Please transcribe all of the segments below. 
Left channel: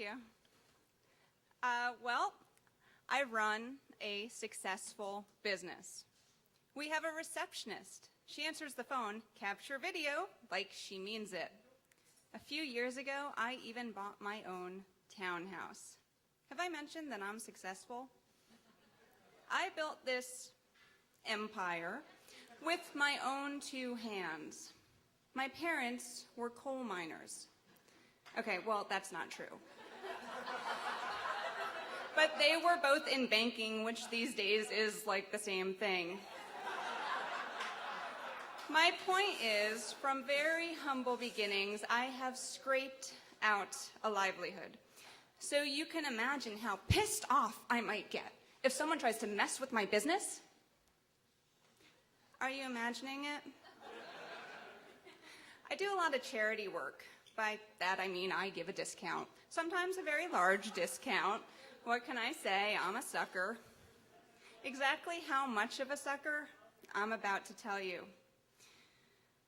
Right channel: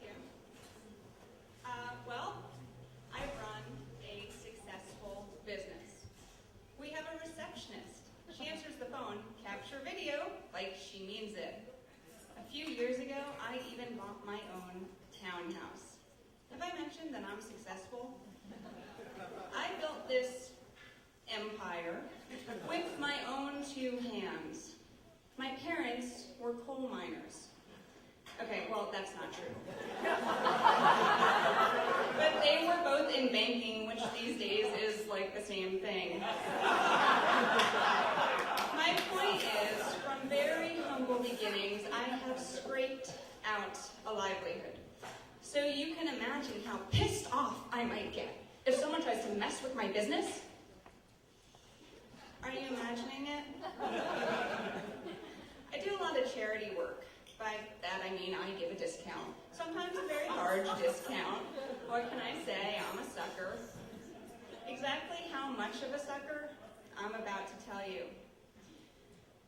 you. Well, I run a successful business. We have a receptionist. She answers the phone, capture video, like she means it. A few years ago, I even bought my own townhouse. Have I mentioned that I'm successful? I built this empire with my own two hands. My parents were coal miners. Okay, well, that's not true. But they were both in banking, which these days is like the same thing. My point is, from very humble beginnings, I have scraped out a livelihood. So you can imagine how pissed off I might get if someone tries to mess with my business. Are you imagining it? I do a lot of charity work. By that I mean I give a discount. Sometimes a very large discount. What can I say? I'm a sucker. Exactly how much of a sucker? I'm about to tell you.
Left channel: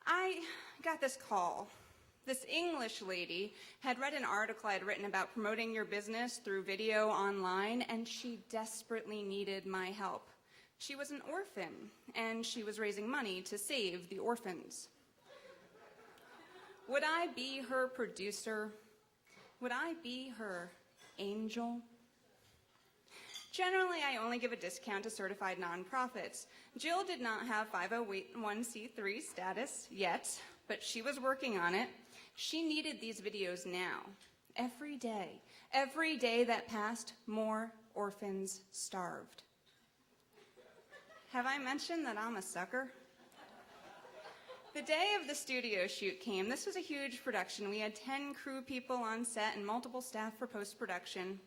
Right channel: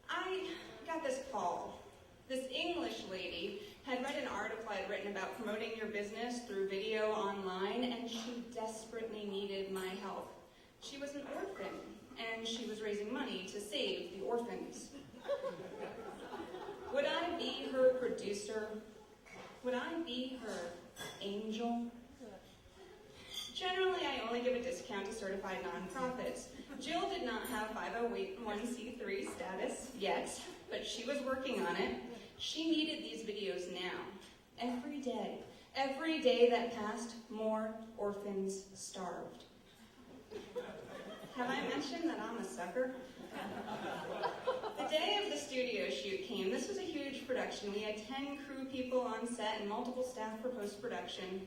I got this call. This English lady had read an article I'd written about promoting your business through video online, and she desperately needed my help. She was an orphan, and she was raising money to save the orphans. Would I be her producer? Would I be her angel? Generally, I only give a discount to certified nonprofits. Jill did not have 501c3 status yet, but she was working on it. She needed these videos now. Every day that passed, more orphans starved. Have I mentioned that I'm a sucker? The day of the studio shoot came. This was a huge production. We had 10 crew people on set and multiple staff for post-production.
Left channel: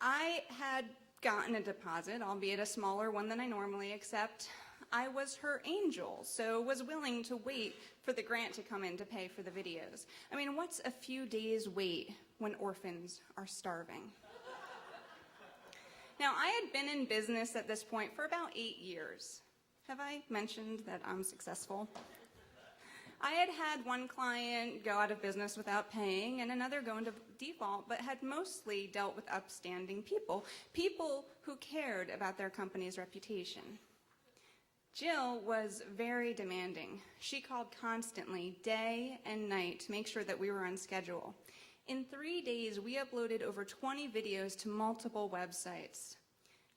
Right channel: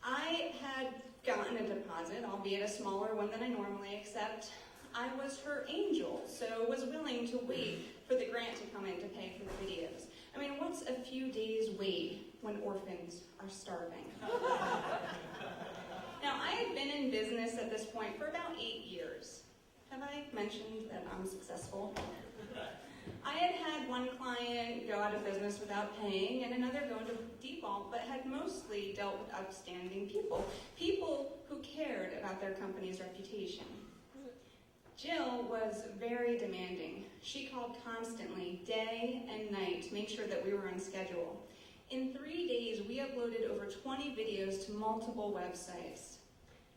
I had gotten a deposit, albeit a smaller one than I normally accept. I was her angel, so was willing to wait for the grant to come in to pay for the videos. I mean, what's a few days' wait when orphans are starving? Now, I had been in business at this point for about 8 years. Have I mentioned that I'm successful? I had had one client go out of business without paying and another go into default, but had mostly dealt with upstanding people who cared about their company's reputation. Jill was very demanding. She called constantly, day and night, to make sure that we were on schedule. In 3 days, we uploaded over 20 videos to multiple websites.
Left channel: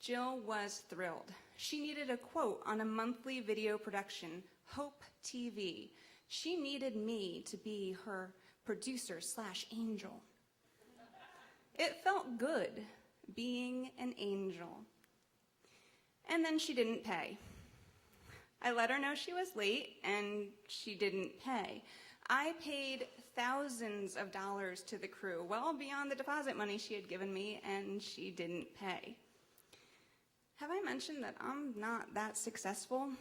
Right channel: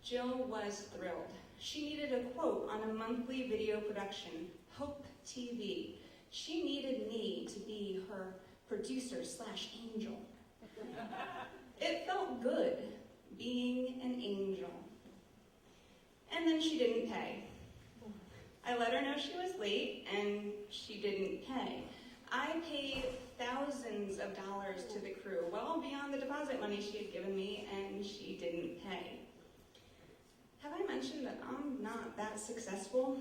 Jill was thrilled. She needed a quote on a monthly video production, Hope TV. She needed me to be her producer/angel. It felt good being an angel. And then she didn't pay. I let her know she was late, and she didn't pay. I paid thousands of dollars to the crew, well beyond the deposit money she had given me, and she didn't pay. Have I mentioned that I'm not that successful?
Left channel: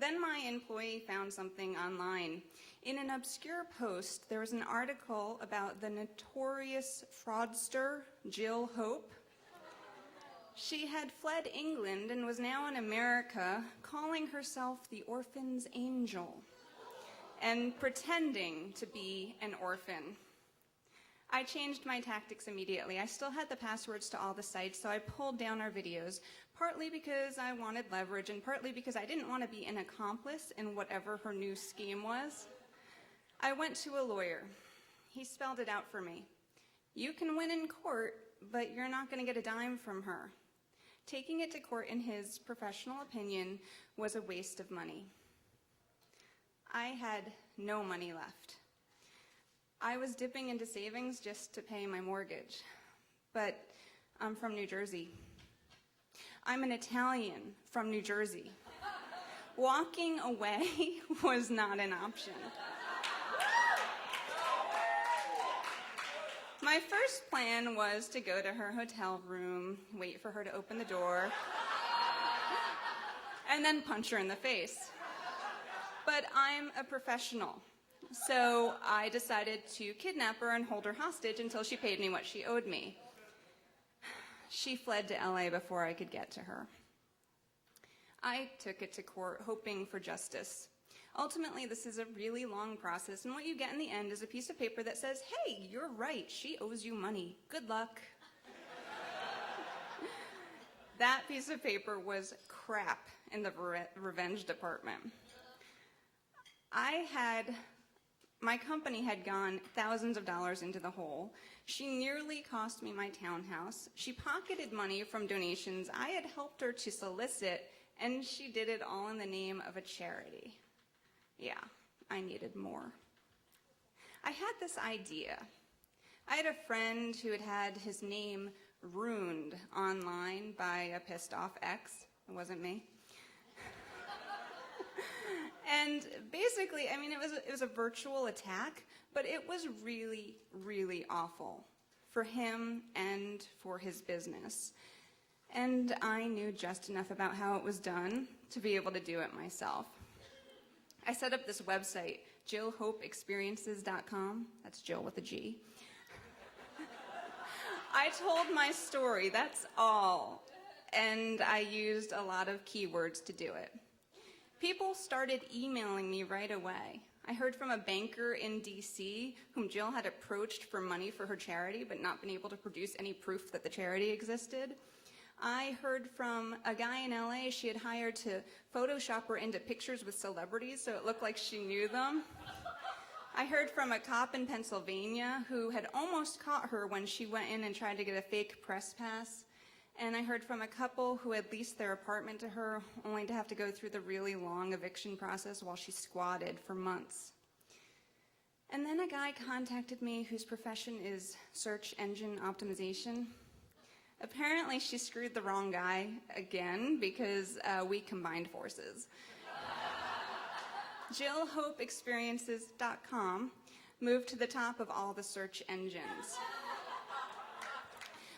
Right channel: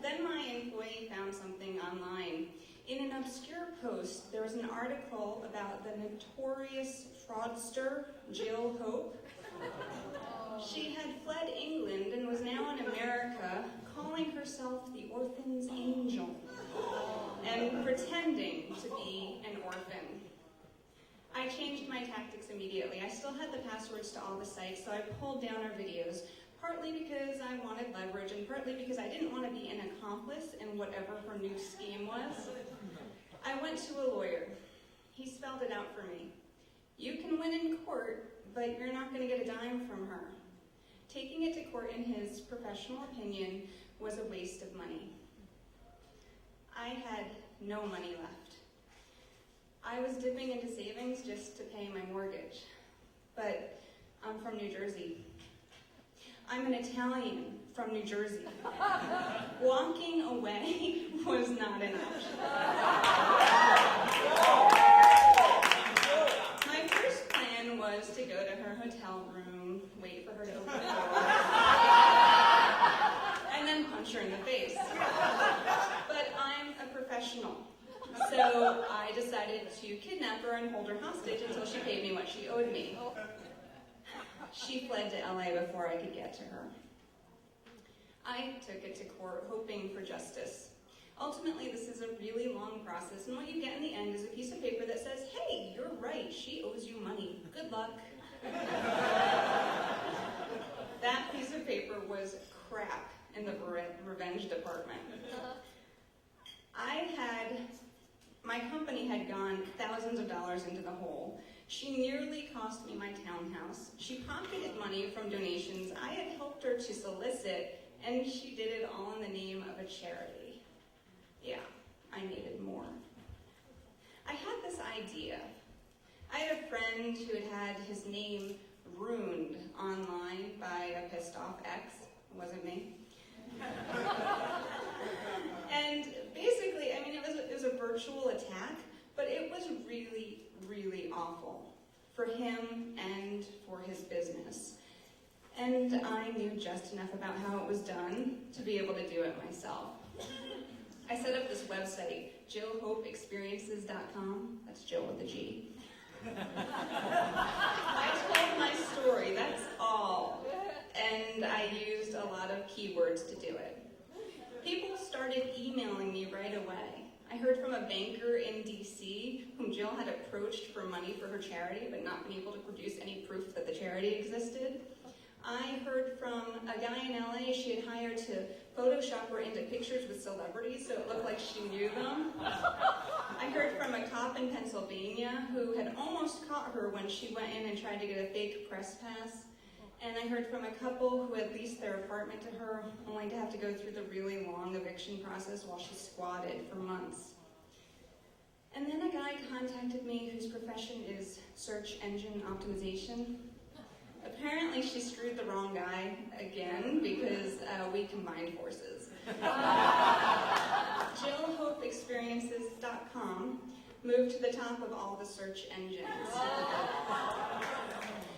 Then my employee found something online. In an obscure post, there was an article about the notorious fraudster, Jill Hope. She had fled England and was now in America, calling herself the orphan's angel and pretending to be an orphan. I changed my tactics immediately. I still had the passwords to all the sites, so I pulled down our videos, partly because I wanted leverage and partly because I didn't want to be an accomplice in whatever her new scheme was. I went to a lawyer. He spelled it out for me. You can win in court, but you're not going to get a dime from her. Taking it to court, in his professional opinion, was a waste of money. I had no money left. I was dipping into savings just to pay my mortgage. But I'm from New Jersey. I'm an Italian from New Jersey. Walking away was not an option. My first plan was to go to her hotel room, wait for her to open the door, and then punch her in the face. But I'm a professional. So I decided to kidnap her and hold her hostage until she paid me what she owed me. She fled to LA before I could get to her. I took it to court hoping for justice. Ultimately, this is a really long process, and what you get in the end is a piece of paper that says, hey, you're right, she owes you money. Good luck. That piece of paper was crap in the revenge department. My company had gone thousands of dollars into the hole. She nearly cost me my townhouse. She pocketed money from donations I had helped her to solicit, and she did it all in the name of a charity. Yeah, I needed more. I had this idea. I had a friend who had had his name ruined online by a pissed off ex. It wasn't me. And basically, I mean, it was a virtual attack, but it was really, really awful for him and for his business. And I knew just enough about how it was done to be able to do it myself. I set up this website, JillHopeExperiences.com. That's Jill with a G. I told my story, that's all. And I used a lot of keywords to do it. People started emailing me right away. I heard from a banker in DC whom Jill had approached for money for her charity but not been able to produce any proof that the charity existed. I heard from a guy in LA she had hired to Photoshop her into pictures with celebrities so it looked like she knew them. I heard from a cop in Pennsylvania who had almost caught her when she went in and tried to get a fake press pass. And I heard from a couple who had leased their apartment to her, only to have to go through the really long eviction process while she squatted for months. And then a guy contacted me whose profession is search engine optimization. Apparently she screwed the wrong guy again because we combined forces. JillHopeExperiences.com moved to the top of all the search engines.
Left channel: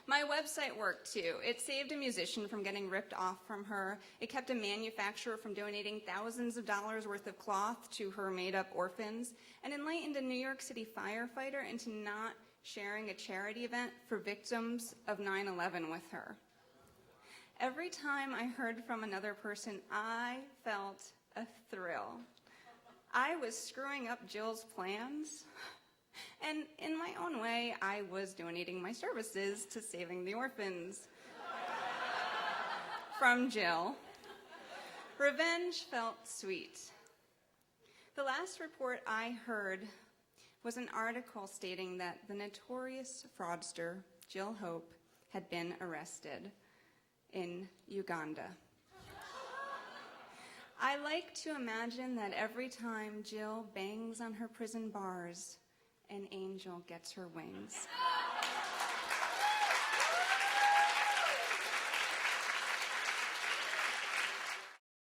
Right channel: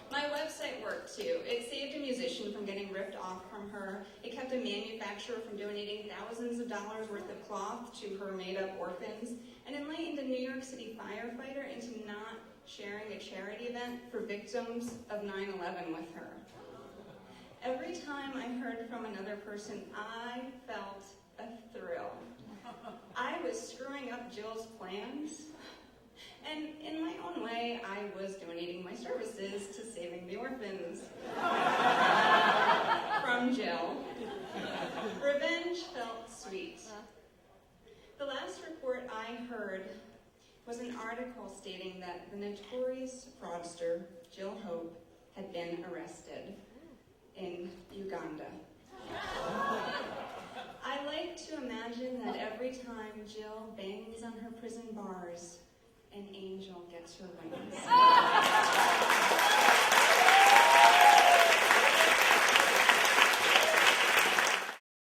My website worked too. It saved a musician from getting ripped off from her. It kept a manufacturer from donating thousands of dollars worth of cloth to her made-up orphans, and enlightened a New York City firefighter into not sharing a charity event for victims of 9/11 with her. Every time I heard from another person, I felt a thrill. I was screwing up Jill's plans. And in my own way, I was donating my services to saving the orphans. From Jill. Revenge felt sweet. The last report I heard was an article stating that the notorious fraudster, Jill Hope, had been arrested in Uganda. I like to imagine that every time Jill bangs on her prison bars, an angel gets her wings.